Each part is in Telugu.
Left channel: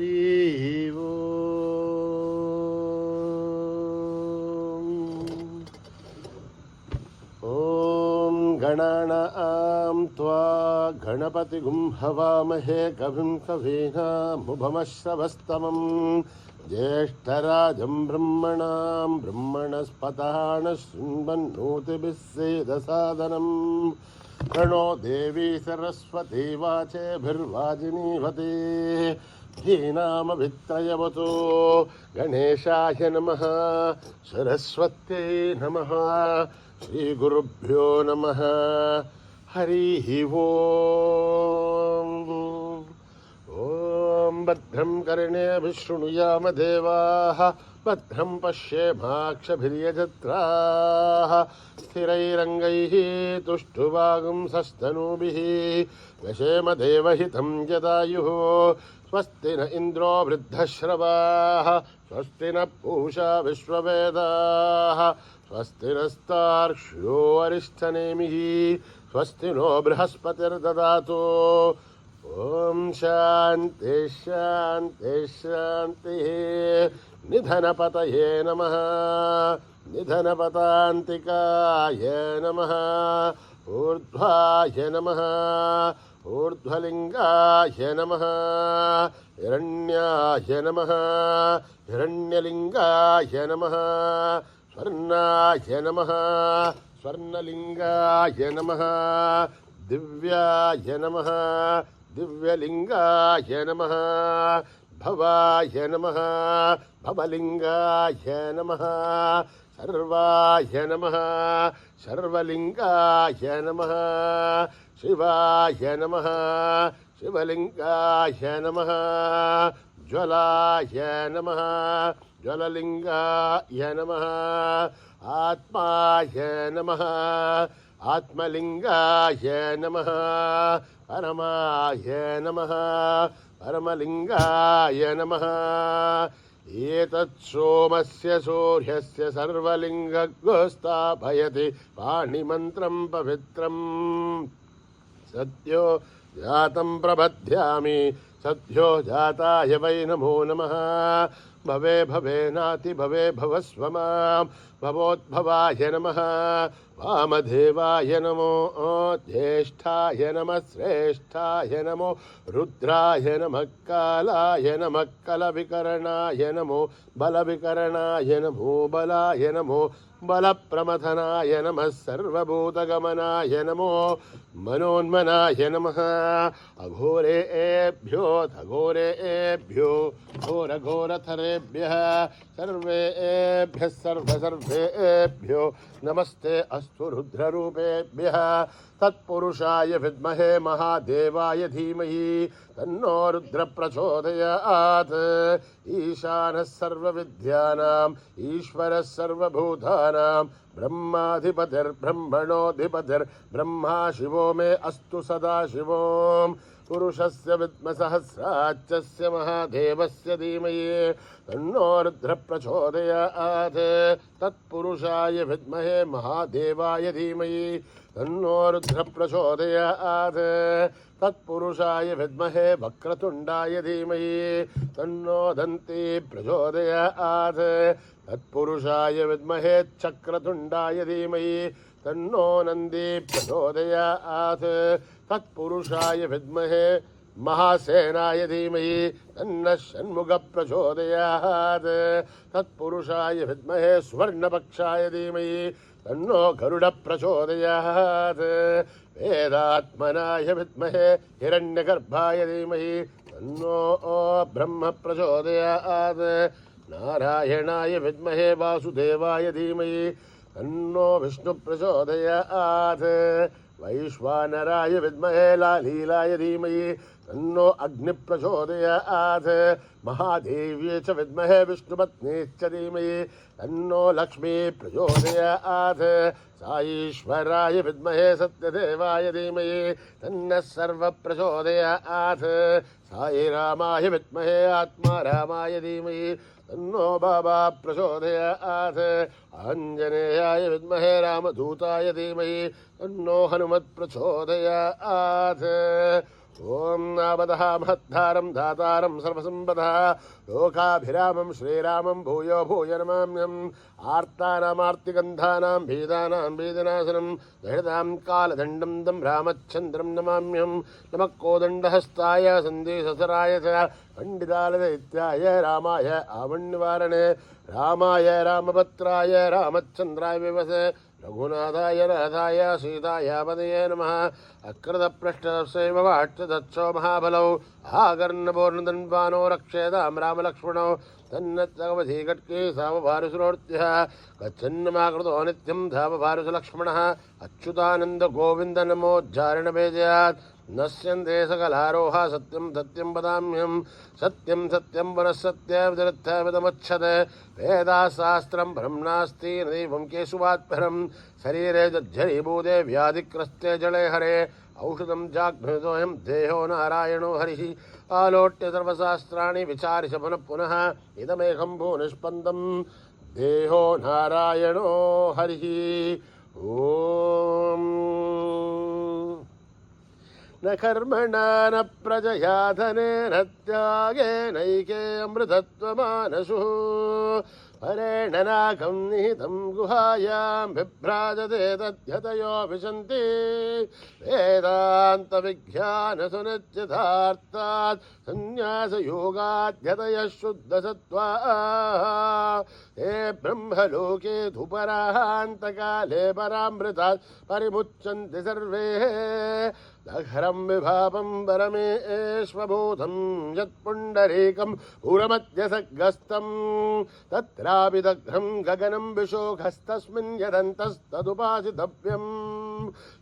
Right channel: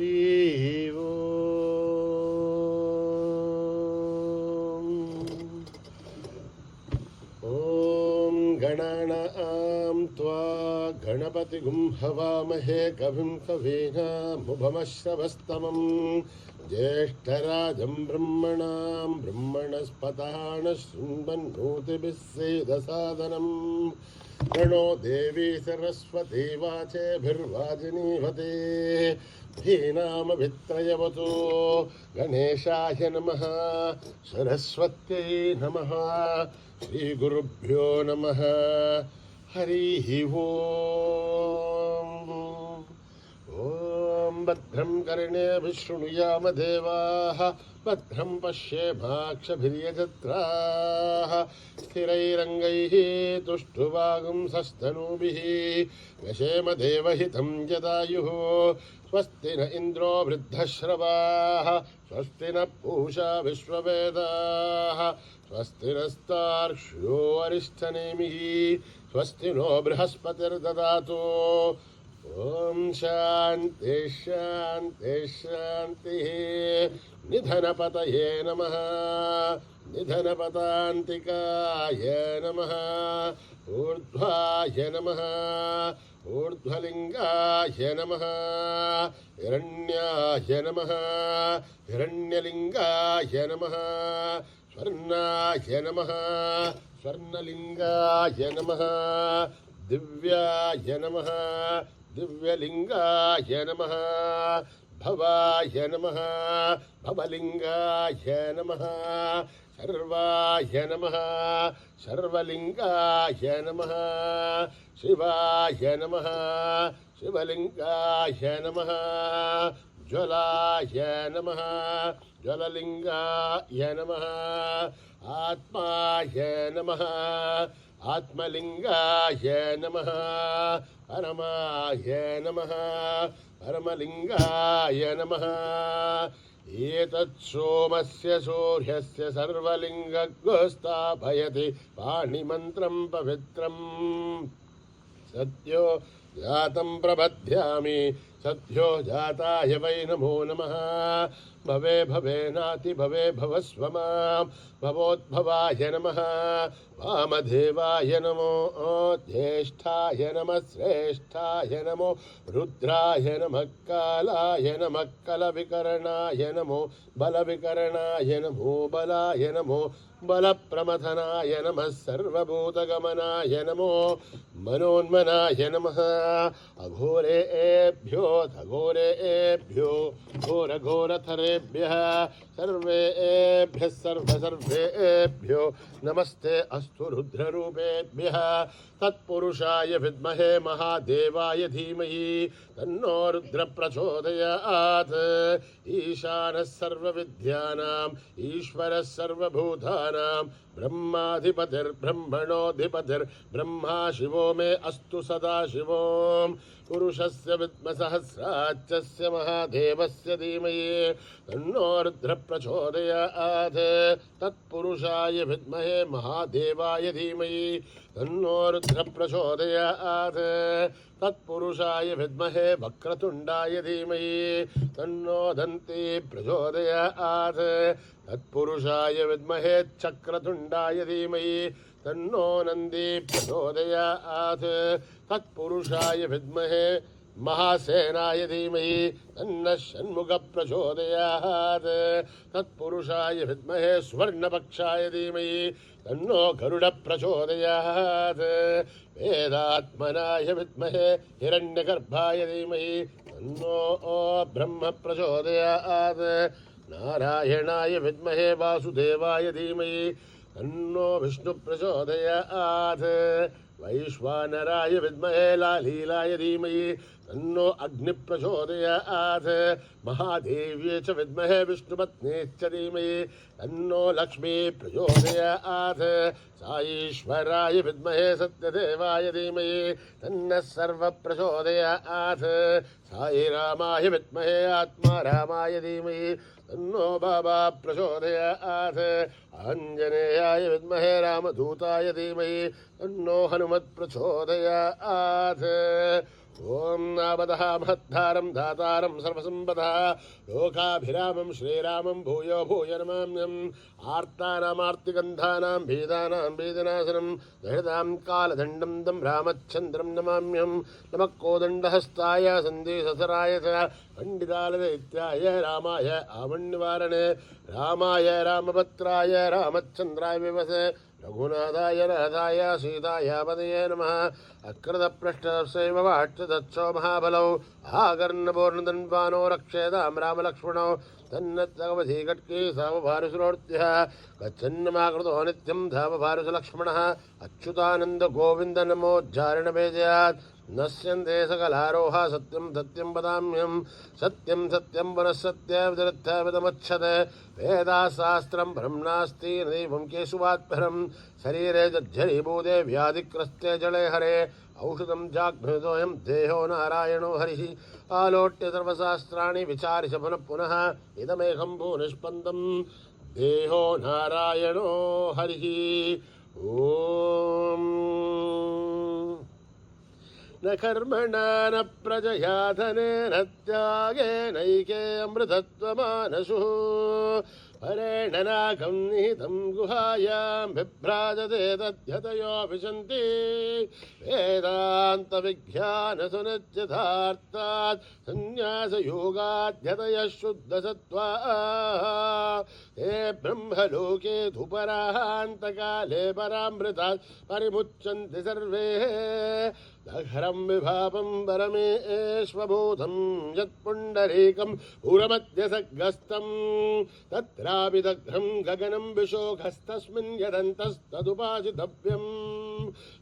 हरि ओम। ॐ गणानां त्वा गणपतिगुं हवामहे कविं कवीनामुपमश्रवस्तमम् ज्येष्ठराजं ब्रह्मणां ब्रह्मणस्पताः शृण्वन्नोतिभिः सेदसादनम् प्रणो देवी सरस्वती वाचेभिर्वाजिनीवते धीनामभित्रयवतु गणेशाय नमः सरस्वत्यै नमः श्रीगुरुभ्यो नमः हरिः ओम्। ॐ भद्रं कर्णेभिः शृणुयाम देवाः भद्रं पश्येमाक्षभिर्यजत्राः स्थिरैरङ्गैः तुष्टुवागुंसस्तनूभिः व्यशेम देवहितं जदायुः स्वस्ति न इन्द्रो वृद्धश्रवाः स्वस्ति न पूषा विश्ववेदाः स्वस्ति नस्तार्क्ष्यो अरिष्ठनेमिः स्वस्ति नो बृहस्पतिर्ददातु ॐ शान्ति शान्ति शान्तिः। निधनपतये नमः निधनपतान्तिकाय नमः ऊर्ध्वाय नमः ऊर्ध्वलिङ्गाय नमः हिरण्याय नमः हिरण्यलिङ्गाय नमः स्वर्णाय नमः स्वर्णलिङ्गाय नमः दिव्याय नमः दिव्यलिङ्गाय नमः भवाय नमः भवलिङ्गाय नमः सर्वाय नमः सर्वलिङ्गाय नमः शिवाय नमः शिवलिङ्गाय नमः ज्वलाय नमः ज्वललिङ्गाय नमः आत्माय नमः आत्मलिङ्गाय नमः परमाय नमः परमलिङ्गाय नमः एतत् सोमस्य सूर्यस्य सर्वलिङ्गस्थापयति पाणिमन्त्रं पवित्रम् सद्यो जातं प्रबध्यामि सद्यो जाताय वै नमो नमः भवे भवेनाति भवे भवस्व मां भवोद्भवाय नमः वामदेवाय नमो ज्येष्ठाय नमः श्रेष्ठाय नमो रुद्राय नमः कालाय नमः कलविकरणाय नमो बलविकरणाय नमो बलाय नमो बलप्रमथनाय नमः सर्वभूतगमनाय नमो मनोन्मनाय नमः अघोरेभ्यो घोरेभ्यो घोरघोरथरेभ्यः सर्वेभ्यः सर्वेभ्यो नमस्ते अस्तु रुद्ररूपेभ्यः तत्पुरुषाय विद्महे महादेवाय धीमहि तन्नो रुद्र प्रचोदयात् ईशानः सर्वविद्यानाम् ईश्वरः सर्वभूतानां ब्रह्माधिपतिर्ब्रह्मणोऽधिपतिर्ब्रह्मा शिवो मे अस्तु सदा शिवोम् पुरुषस्य विद्मसहस्राच्चस्य महादेवस्य धीमहि तन्नो रुद्र प्रचोदयात् तत्पुरुषाय विद्महे महादेवाय धीमहि तन्नो रुद्र प्रचोदयात् तत्पुरुषाय विद्महे वक्रतुण्डाय धीमहि तन्नो दन्ती प्रचोदयात् तत्पुरुषाय विद्महे चक्रतुण्डाय धीमहि तन्नो नन्दी प्रचोदयात् तत्पुरुषाय विद्महे महासेनाय धीमहि तन्नः षण्मुख प्रचोदयात् तत्पुरुषाय विद्महे स्वर्णपक्षाय धीमहि तन्नो गरुड प्रचोदयात् वेदात्मनाय विद्महे हिरण्यगर्भाय धीमहि तन्नो ब्रह्म प्रचोदयात् नारायणाय विद्महे वासुदेवाय धीमहि तन्नो विष्णु प्रचोदयात् वैश्वानराय विद्महे लालीलाय धीमहि तन्नो अग्नि प्रचोदयात् महादेव्यै च विद्महे विष्णुपत्न्यै धीमहि तन्नो लक्ष्मी प्रचोदयात् साईश्वराय विद्महे सत्यदेवाय धीमहि तन्नः सर्व प्रचोदयात् साईरामाय विद्महे आत्मारामाय धीमहि तन्नो बाबा प्रचोदयात् आञ्जनेयाय विद्महे रामदूताय धीमहि तन्नो हनुमत् प्रचोदयात् ఓం నావదః మహద్ధారం దాతారం సర్వసంపదః లోకాభిరామం శ్రీరామం భూయో భూయ నమామ్యం ఆర్తానామార్తిగంధానాం భీదానాం భీదనాశనం దహృతాం కాలదండం తం రామచంద్రం నమామ్యం నమః కోదండహస్తాయ సందేశసరాయ చ పండితాలదైత్యాయ రామాయ ఆమన్నివారణే రామాయ రామభద్రాయ రామచంద్రాయ వివసే రఘునాథాయ నాథాయ సీతాయ పదయే నమః అకృతపృష్టశైవ వాక్షదచ్చో మహాబలౌ ఆకర్ణపూర్ణదన్వానో రక్షేతాం రామలక్ష్మణౌ తన్నవధీకట్కే సామభారుసురోర్త్యః గచ్చన్నమాకృతో నిత్యం ధామభారుసలక్ష్మణः అచ్యుతానంద గోవింద నమోజ్జారణభేదయాత్ నశ్యంతే సకలారోహ సత్యం సత్యం వదామ్యం సత్యం సత్యం పునఃసత్యవిదమచ్చతే వేదాశాస్త్రం బ్రహ్మణాస్తి దైవం కేశవాత్పరం శరీరే జర్జరీభూతే వ్యాధిగ్రస్తే జలే హరే ఔషధం జాగ్రతోయం దేహో నారాయణో హరి ఆలోట్య సర్వశాస్త్రాణి విచారిష పునః పునః ఇదమేకం భూనిష్పందం దేహో నారాయణో హరి ఓం న కర్మణా న ప్రజయా ధనేన త్యాగేనైకే అమృతత్వమానసు పరేణ నాకం నిహితం గుహాయాం బిభ్రాజతే తద్యతయో విశంతి వేదాంత విజ్ఞాన సునిశ్చితార్థాత్ సన్యాసయోగాద్యతయ శుద్ధసత్వా హే బ్రహ్మలోకే ధుపరాంతకాలే పరామృతాత్ పరిముచ్యంతి సర్వే దహరం విభాపం పరమేశ్వభూతం యత్పుండరీకం పురమధ్యసగస్తం తత్రాపి దగ్ధం గగనం విశోకస్తస్మిన్ యదంతస్తదుపాసితవ్యం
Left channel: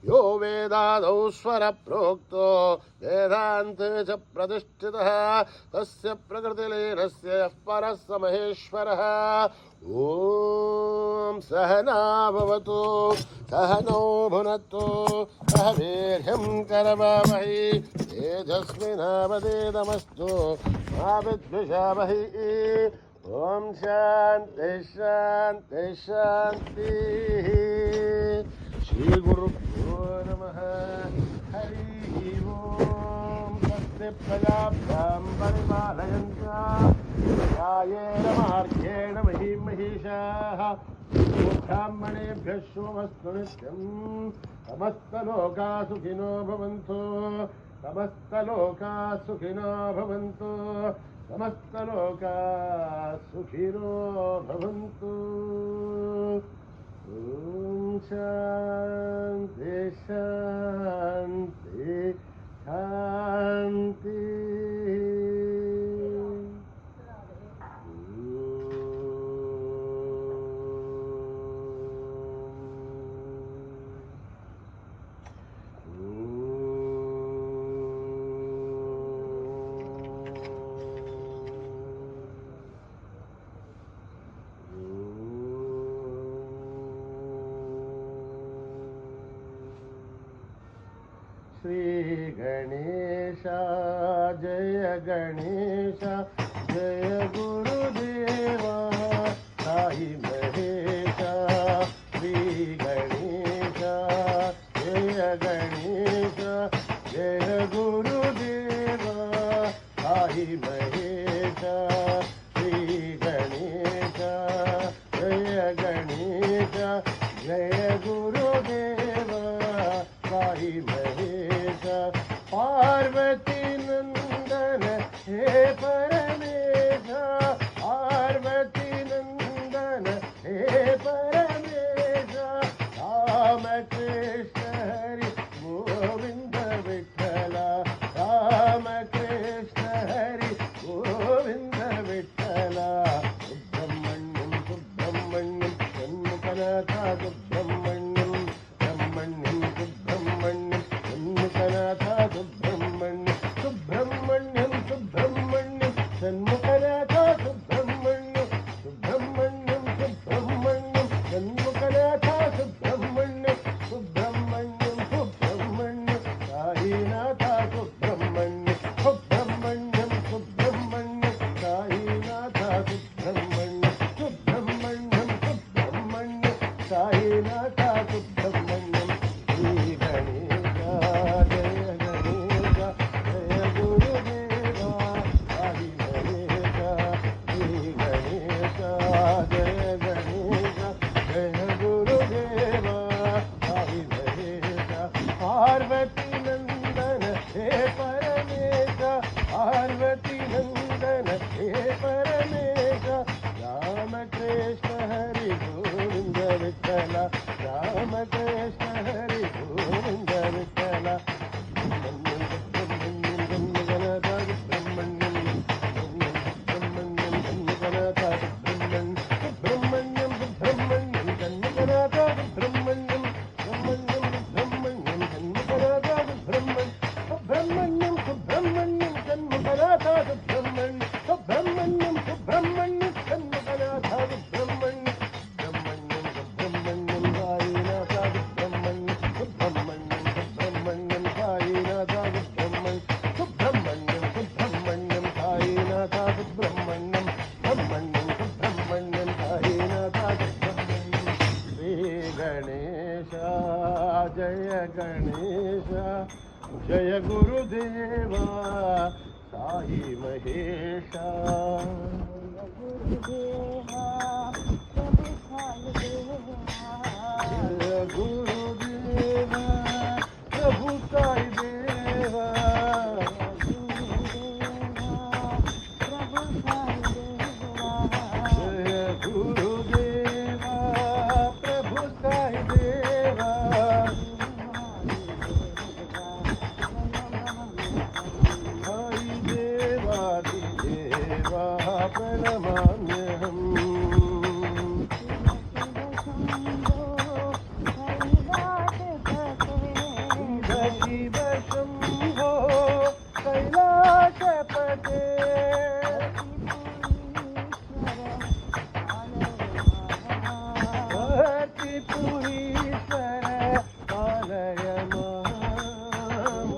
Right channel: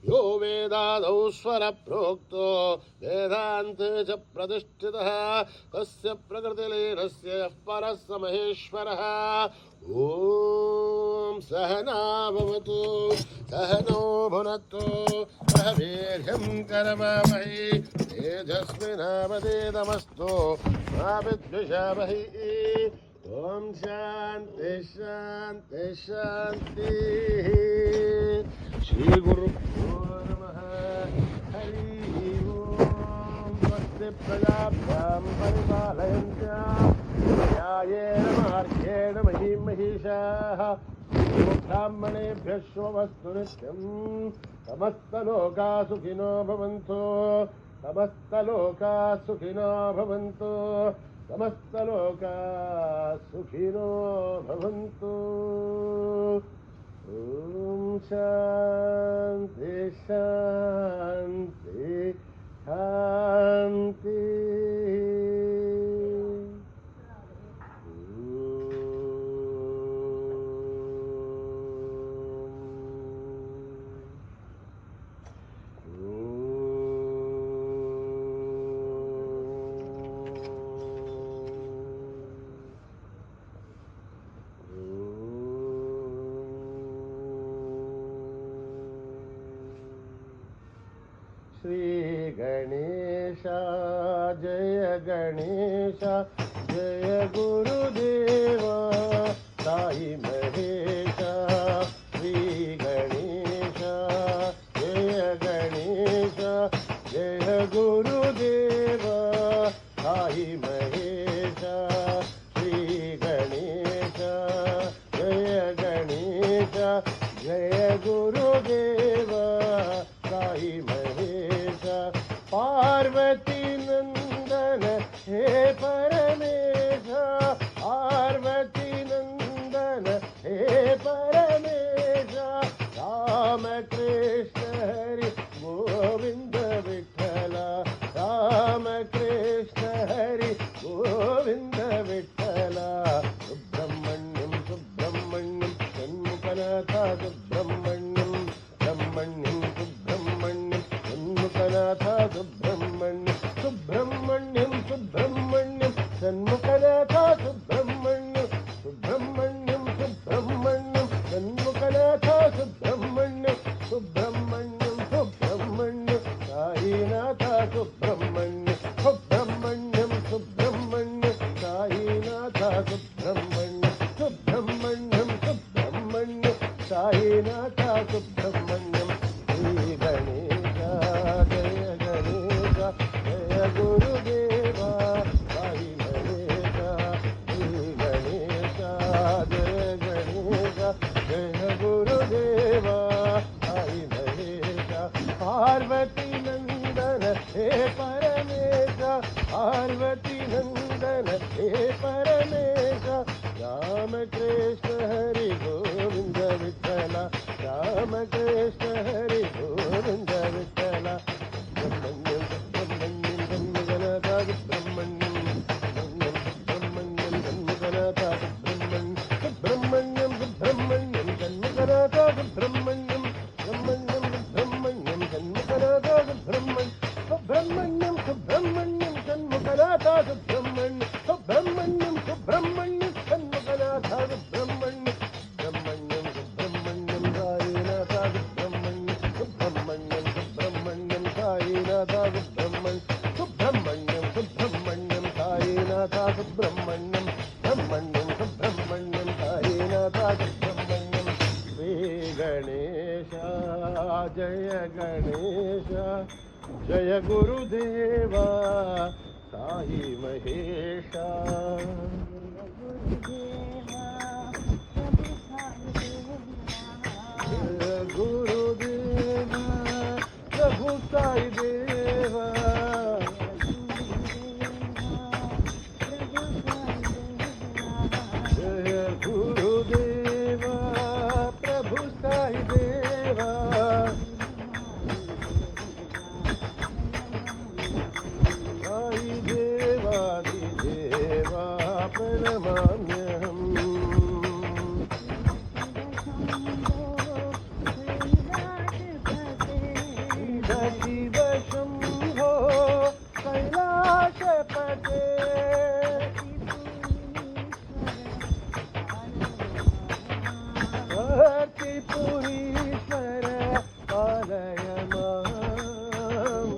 యో వేదాదౌ స్వర ప్రోక్తో వేదాంతే చ ప్రతిష్ఠితః తస్య ప్రకృతిలీనస్య యః పరः స మహేశ్వరः ఓం సహనా భవతు సహనౌ భునత్తు సహ వీర్యం కరవావహై తేజస్వినావధీతమస్తు మా విద్విషావహై ఓం శాంతి శాంతి శాంతి శ్రీ గురుభ్యో నమః హరి ఓం భక్తి ప్రజాభ్యాం పరిపాలయంత్యాం న్యాయేన మార్గేణ మహీం మహిషాః బ్రాహ్మణేభ్యः శుభమస్తు నిత్యం సమస్తలోకా సుఖినో భవంతు సమస్తలోకా సుఖినో భవంతు సమస్తలోకా సుఖినో భవంతు ఓం శాంతి శాంతి శాంతి శ్రీ గణేశ జయ గణేశ జయ గురుదేవ సాయి మహేశ శ్రీ గణేశ జయ గణేశ జయ గురుదేవ సాయి మహేశ శ్రీ గణేశ జయ గణేశ జయ గురుదేవ సాయి మహేశ పార్వతీ నందన హే పరమేశ పార్వతీ నందన హే పరమేశ రామకృష్ణ హరి గోవింద విఠల రామకృష్ణ హరి గోవింద విఠల సుబ్రహ్మణ్యం సుబ్రహ్మణ్యం షణ్ముఖనాథ సుబ్రహ్మణ్యం బ్రహ్మణ్యం సుబ్రహ్మణ్యం షణ్ముఖనాథ సుబ్రహ్మణ్యం సుబ్రహ్మణ్యం సుబ్రహ్మణ్యం షణ్ముఖనాథ సుబ్రహ్మణ్యం సుబ్రహ్మణ్యం సుబ్రహ్మణ్యం షణ్ముఖనాథ సుబ్రహ్మణ్యం సుబ్రహ్మణ్యం సుబ్రహ్మణ్యం సాయినాథ సుబ్రహ్మణ్యం సుబ్రహ్మణ్యం సుబ్రహ్మణ్యం సాయినాథ సుబ్రహ్మణ్యం సుబ్రహ్మణ్యం సుబ్రహ్మణ్యం సాయినాథ సుబ్రహ్మణ్యం శ్రీ గణేశ జయ గణేశ జయ परमेश रामकृष्ण हरि गोविंद विठ्ठल रामकृष्ण हरि गोविंद विठ्ठल सुब्रह्मण्यं सुब्रह्मण्यं जन्मगणता सुब्रह्मण्यं सुब्रह्मण्यं जन्मगणता सुब्रह्मण्यं सुब्रह्मण्यं सुब्रह्मण्यं जन्मगणता सुब्रह्मण्यं सुब्रह्मण्यं सुब्रह्मण्यं जन्मगणता सुब्रह्मण्यं सुब्रह्मण्यं सुब्रह्मण्यं जन्मगणता सुब्रह्मण्यं सुब्रह्मण्यं सुब्रह्मण्यं जन्मगणता सुब्रह्मण्यं सुब्रह्मण्यं सुब्रह्मण्यं साईनाथा सुब्रह्मण्यं सुब्रह्मण्यं सुब्रह्मण्यं साईनाथा सुब्रह्मण्यं सुब्रह्मण्यं सुब्रह्मण्यं साईनाथा सुब्रह्मण्यं सुब्रह्मण्यं सुब्रह्मण्यं साईनाथा सुब्रह्मण्यं श्री गणेश जय गणेश जय गुरुदेवा साई महेश जय गुरुदेवा प्रभु साई देवा जय गुरुदेवा प्रभु साई देवा साई देवादिदेवा प्रणमाम्यहम् शिव शम्भो कैलासपते त्रिपुरीश्वर पालय माम्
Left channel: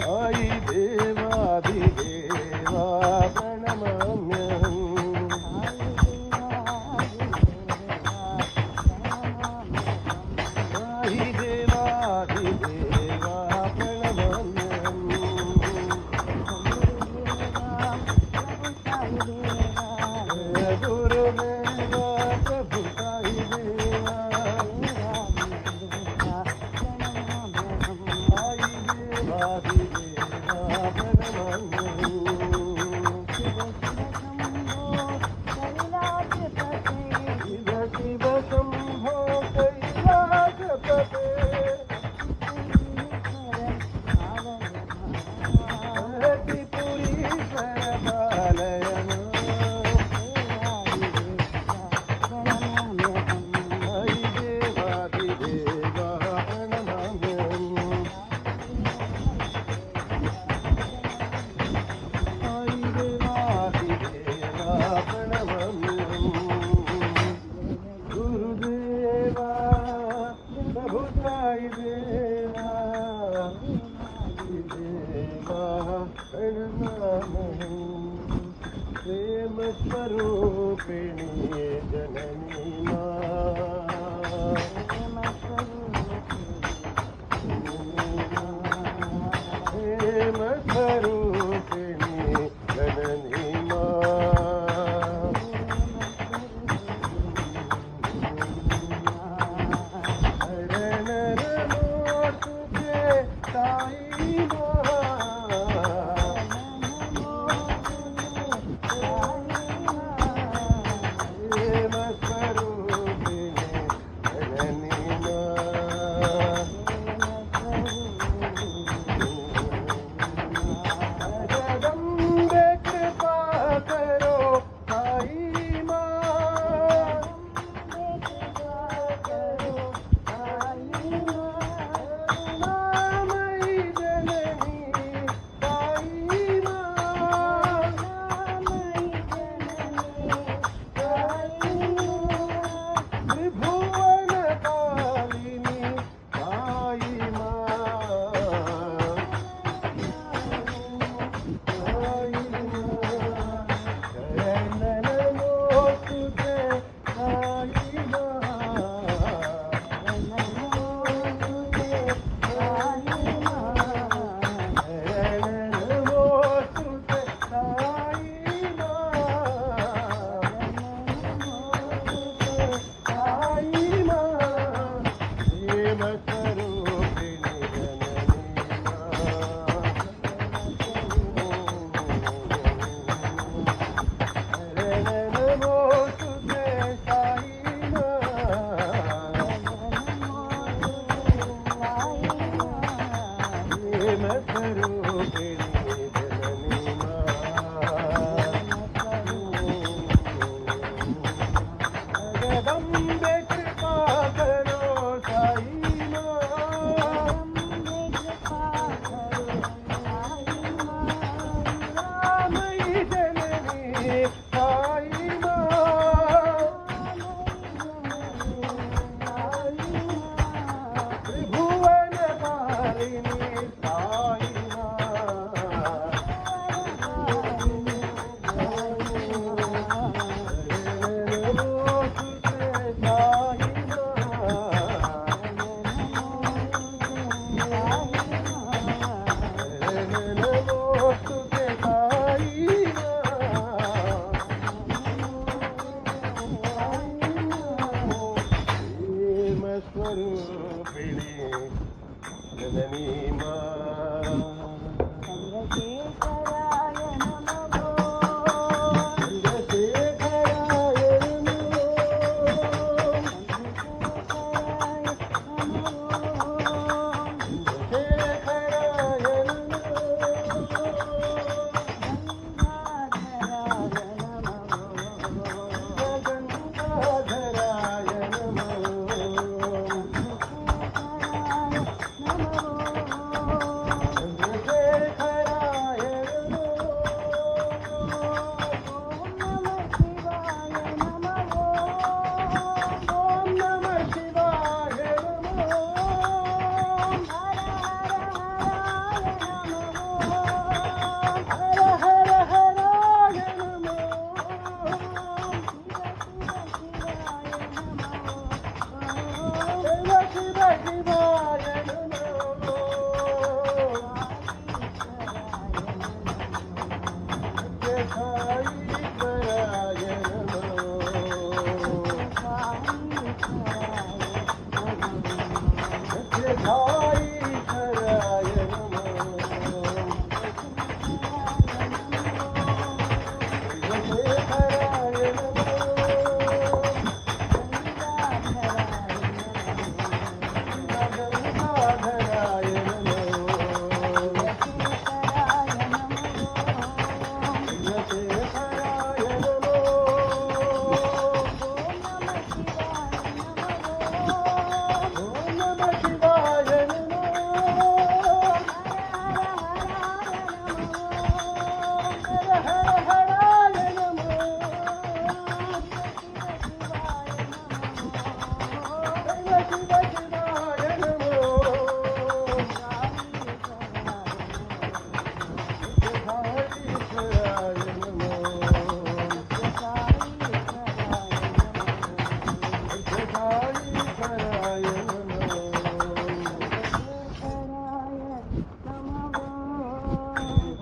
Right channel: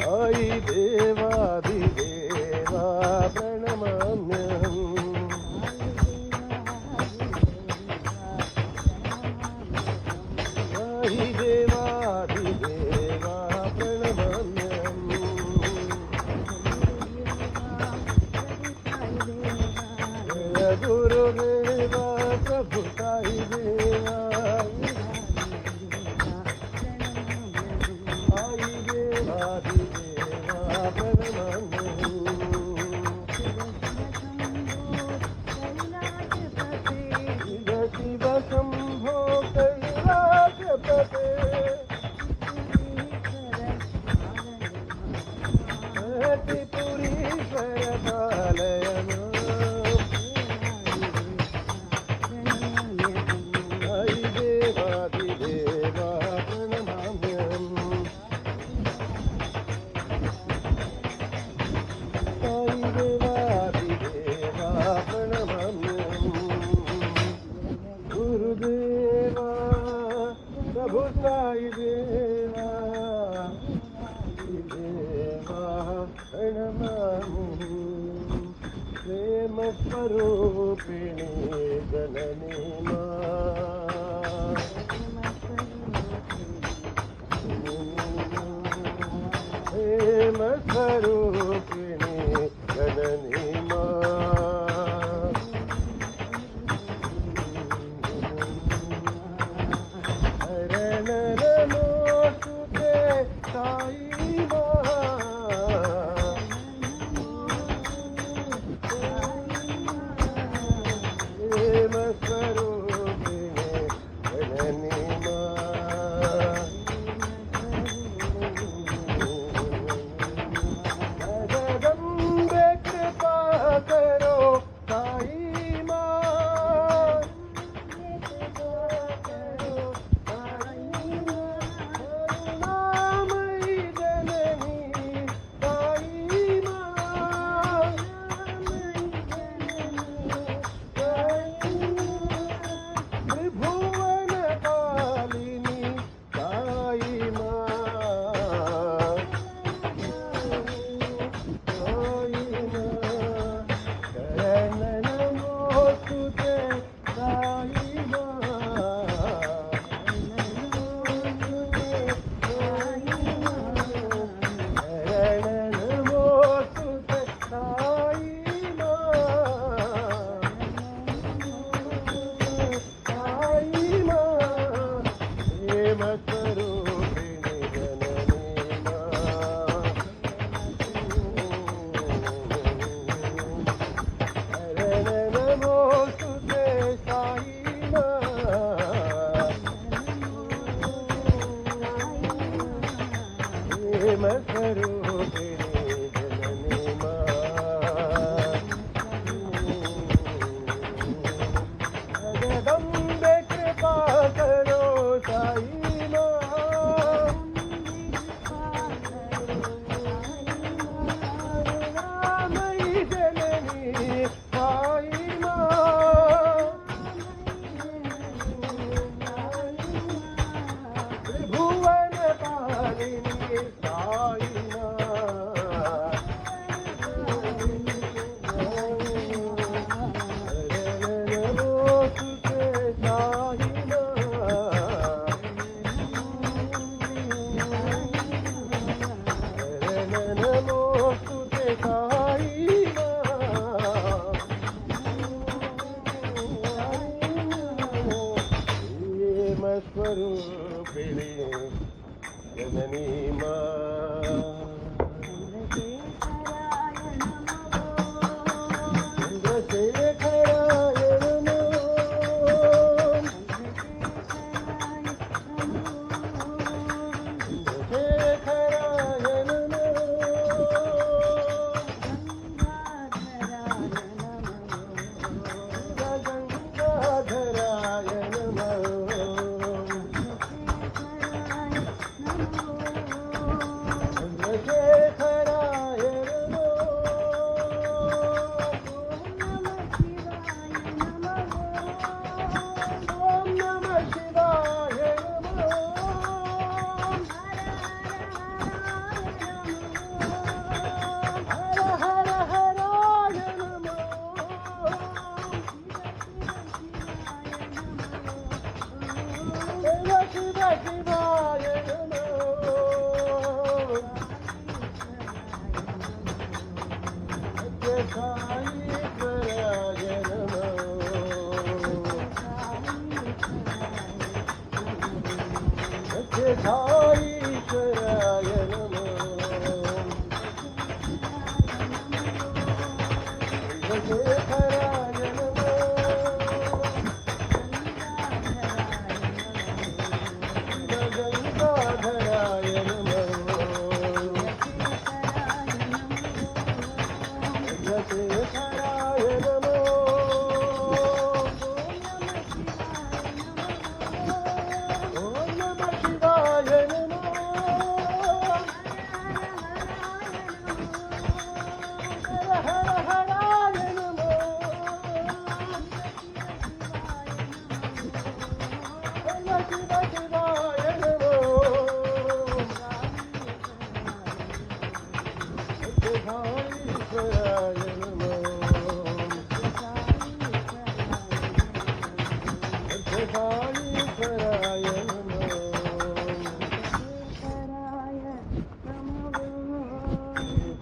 साई देवादिदेवा प्रणमाम्यहम् साई देवादिदेवा प्रणमाम्यहम् जय गुरुदेवा प्रभु साई देवा साई देवादिदेवा प्रणमाम्यहम् शिव शिव शम्भो कैलासपते त्रिपुरीश्वर पालय साई देवादिदेवा प्रणमाम्यहम् साई देवादिदेवा प्रणमाम्यहम् गुरुदेवा प्रभु साई देवा देवा प्रणमाम्यहम् प्रेम स्वरूपिणी जननी प्रेम स्वरूपिणी जननी शरण नमोस्तुते साई जननी जगदम्बे कृपा करो साई मई जननी साई त्रिभुवन पालिनी साई स्वरूपिणी जननी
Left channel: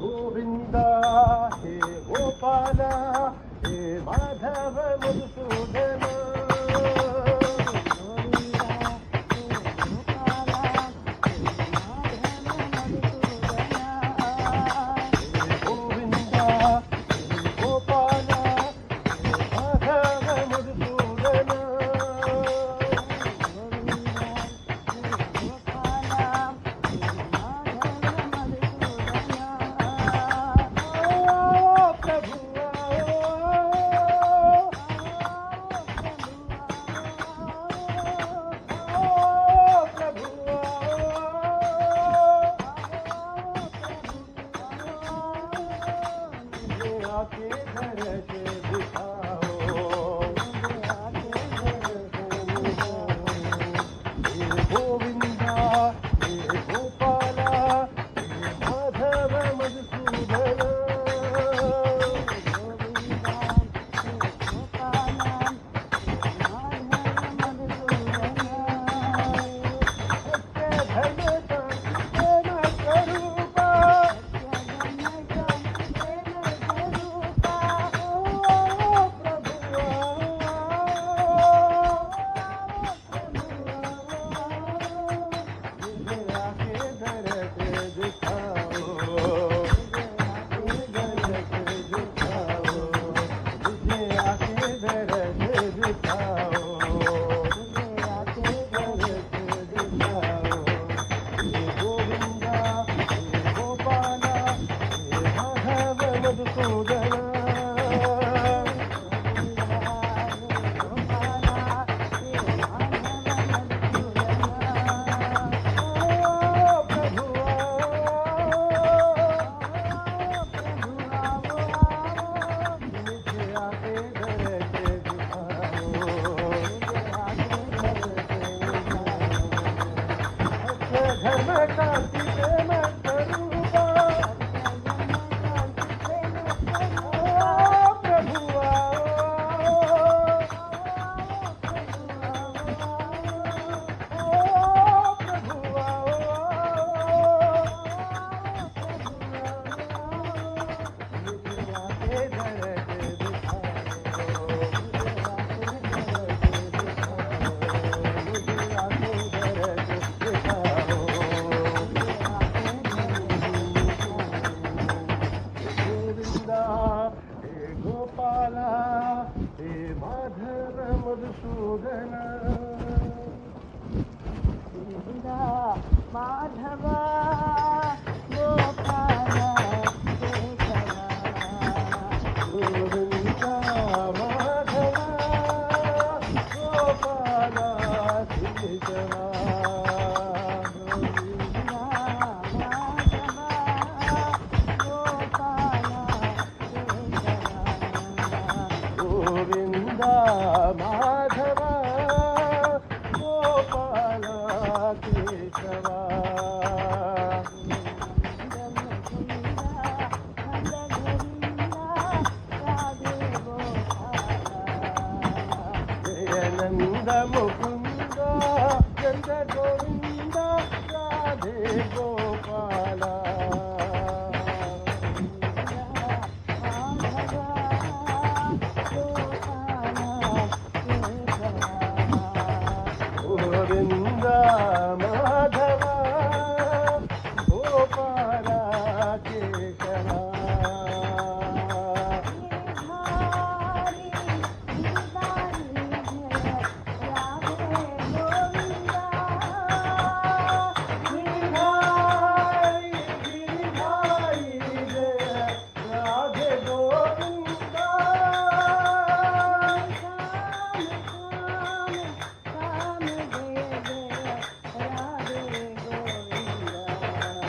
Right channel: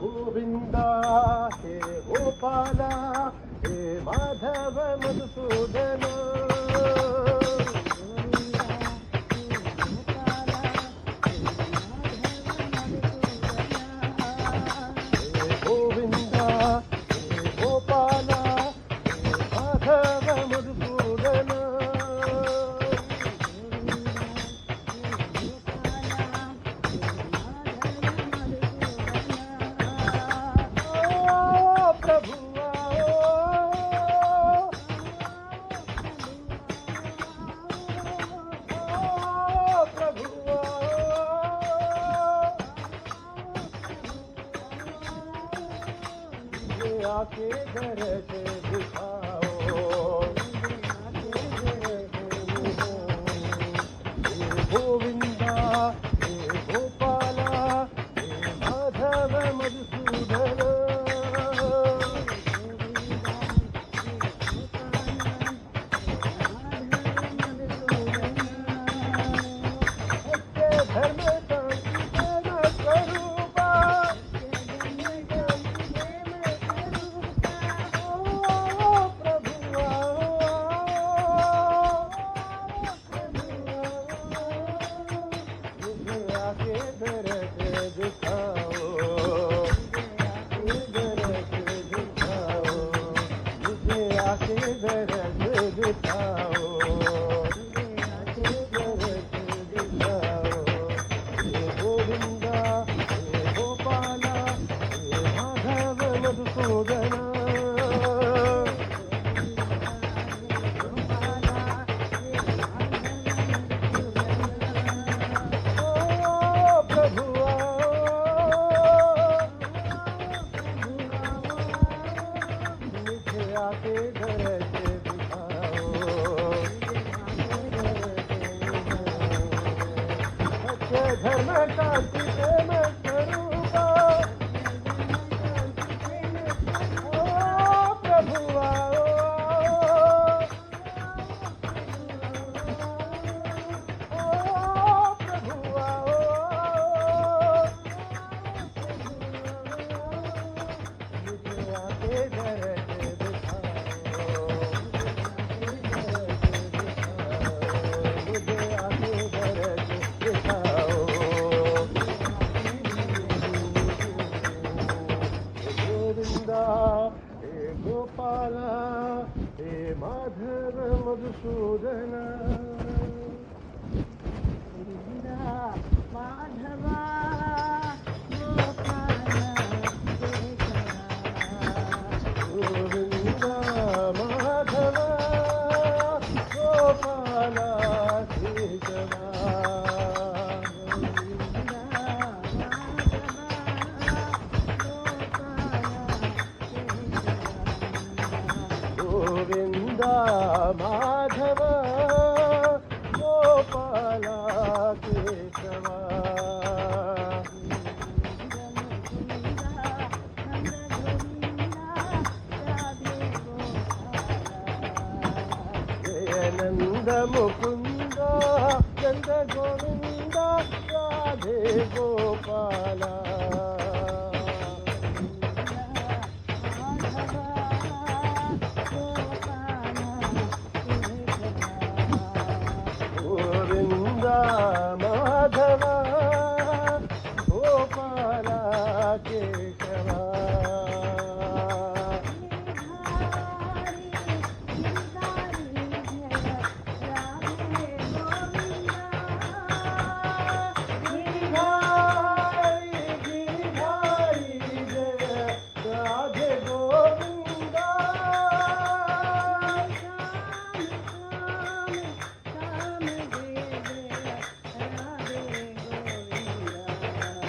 गोविंदा हे गोपाला हे माधव मधुसूदन गोविंदा हे गोपाला हे माधव मधुसूदन మధుసూదన धर्म शांति प्रेम स्वरूपा प्रभु गोपाल हे माधव मधुसूदन माधव गोपाल गोविंदा माधव गोपाल केशवा गोविंदा माधव गोपाल केशवा जय नंद मुकुंद नंद गोविंद राधे गोपाल गोविंद माधव गोपाल केशवा राधे गोविंदा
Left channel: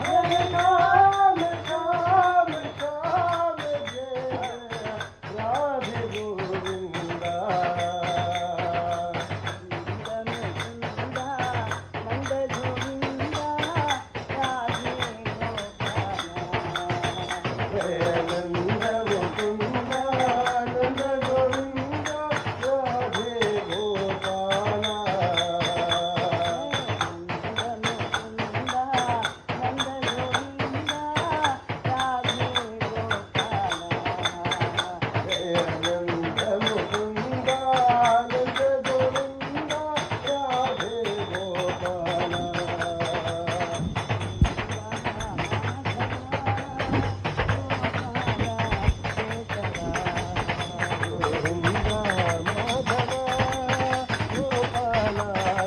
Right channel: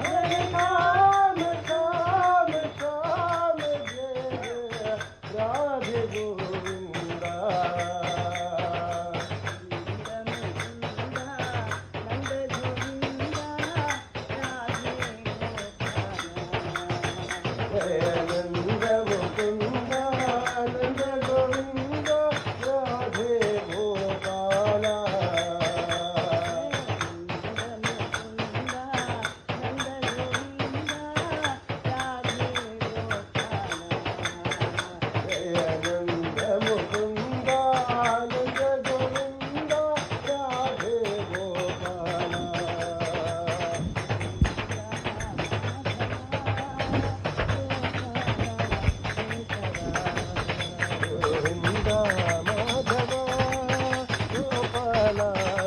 हरे राम श्याम श्याम जय राधे गोविंदा जय नंद मुकुंद नंद गोविंद राधे गोपाल जय नंद मुकुंद नंद गोविंद राधे गोपाल गोविंदा माधव गोपाल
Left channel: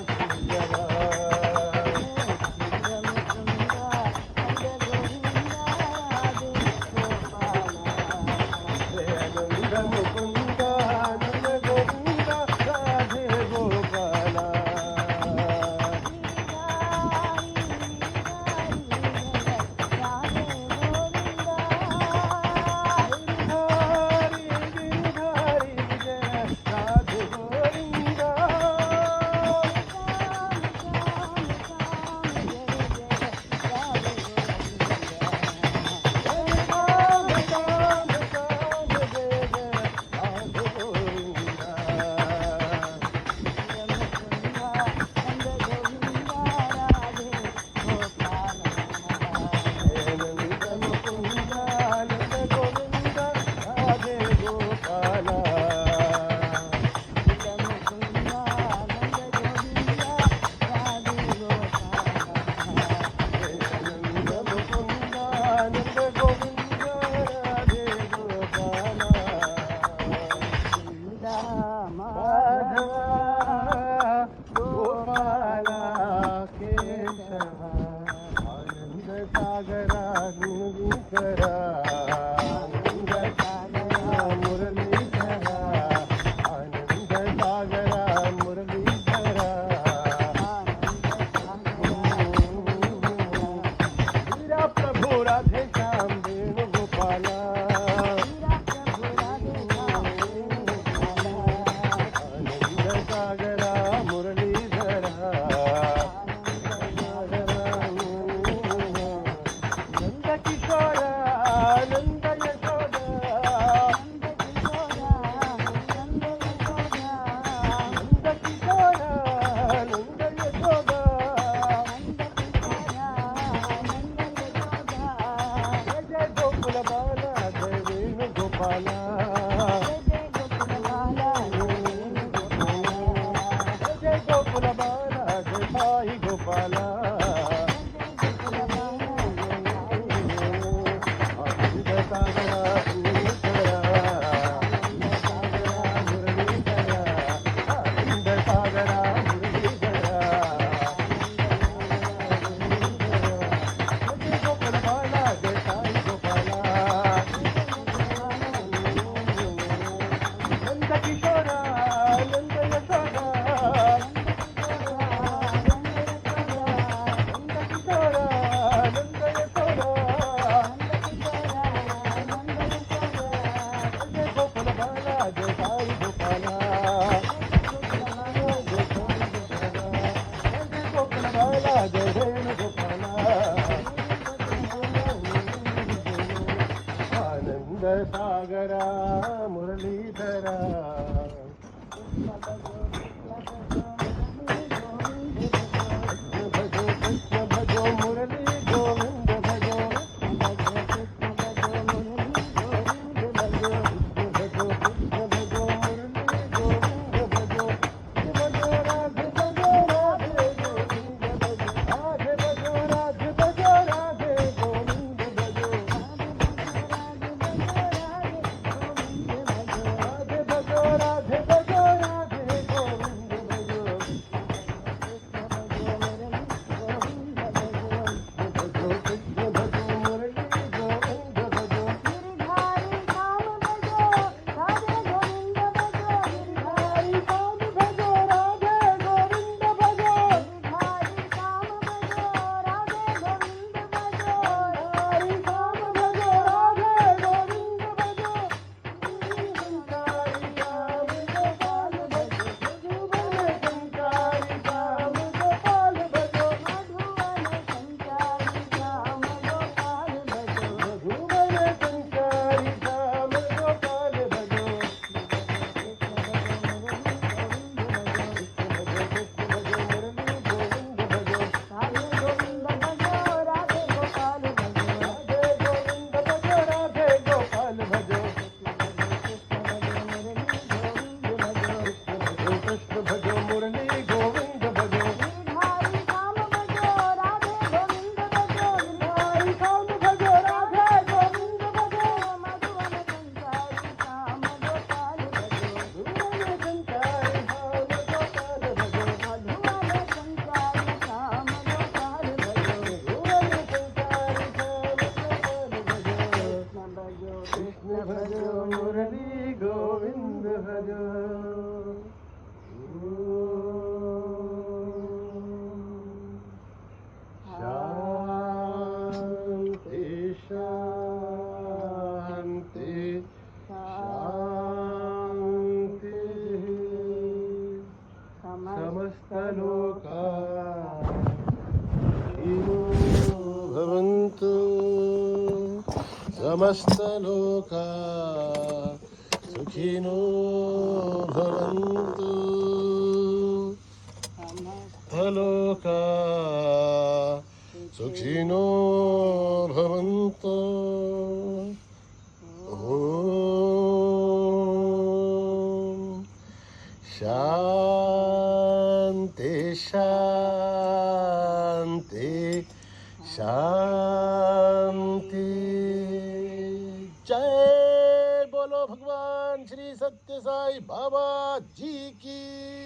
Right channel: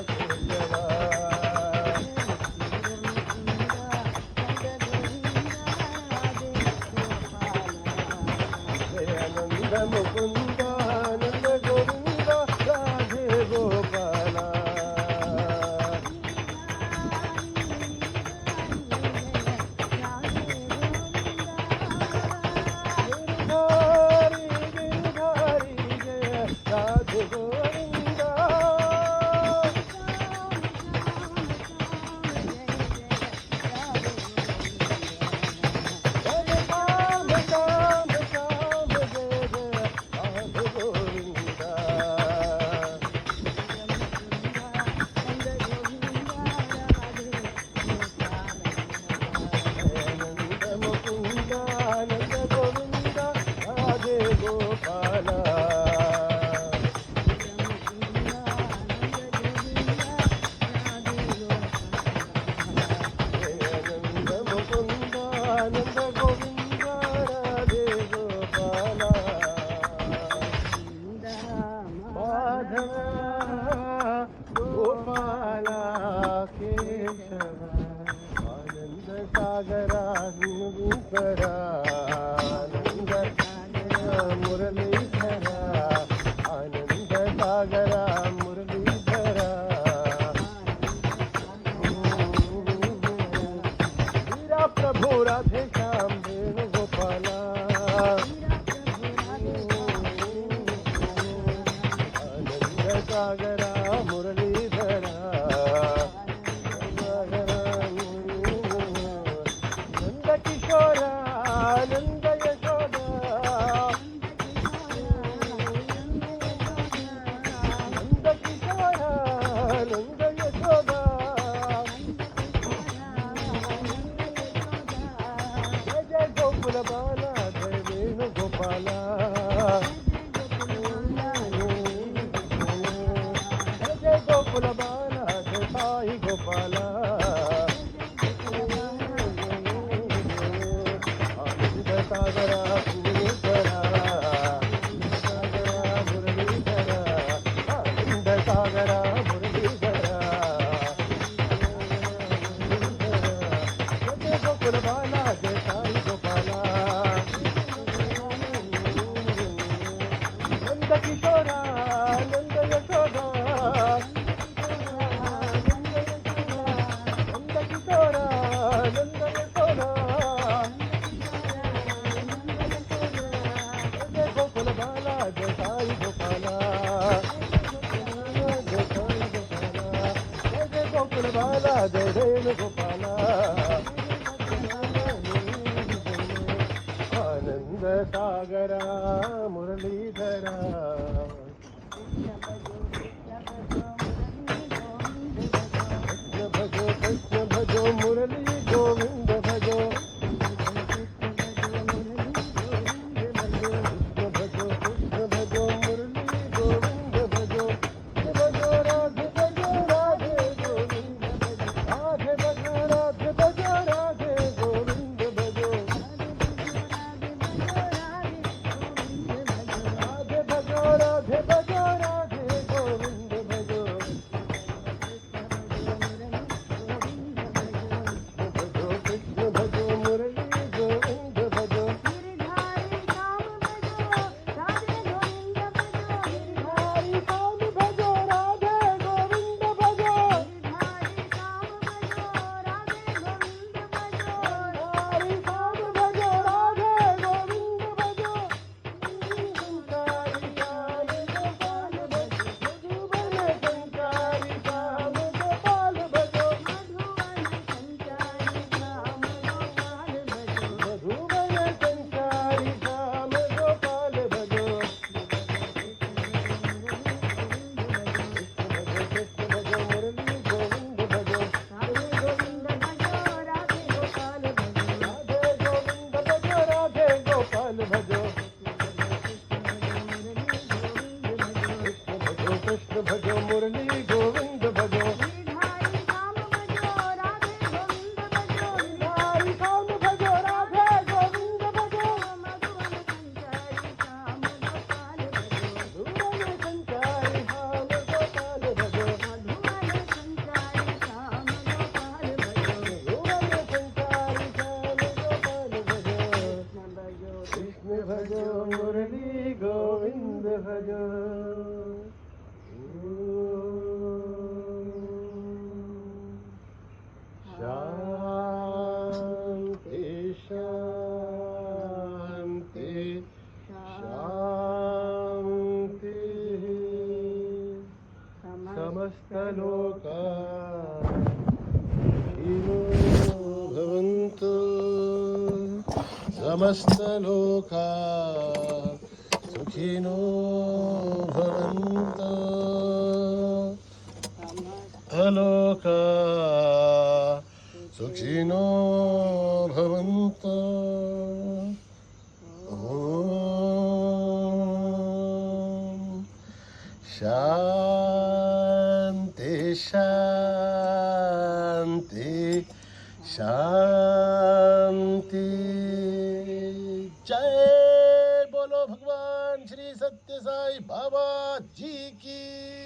केशवा जय नंद मुकुंद नंद गोविंद राधे गोपाल गिरधारी जय राधे गोविंदा श्याम श्याम श्याम जय जय राधे गोविंदा जय नंद मुकुंद नंद गोविंद राधे गोपाल जय नंद मुकुंद नंद गोविंद राधे गोपाल माधव गोपाल केशवा आनंद सागरा गुणगुकरा ఆనంద సాగరా మురళీధరా భజో కృష్ణ భజో మురళీ గోవింద భజో సమస్తలోకా సుఖినో భవంతు అలోకా సుఖినో భవంతు శాంతి శాంతి शांति। जय बोलो भगवान श्री सत्य साई बाबा जी की।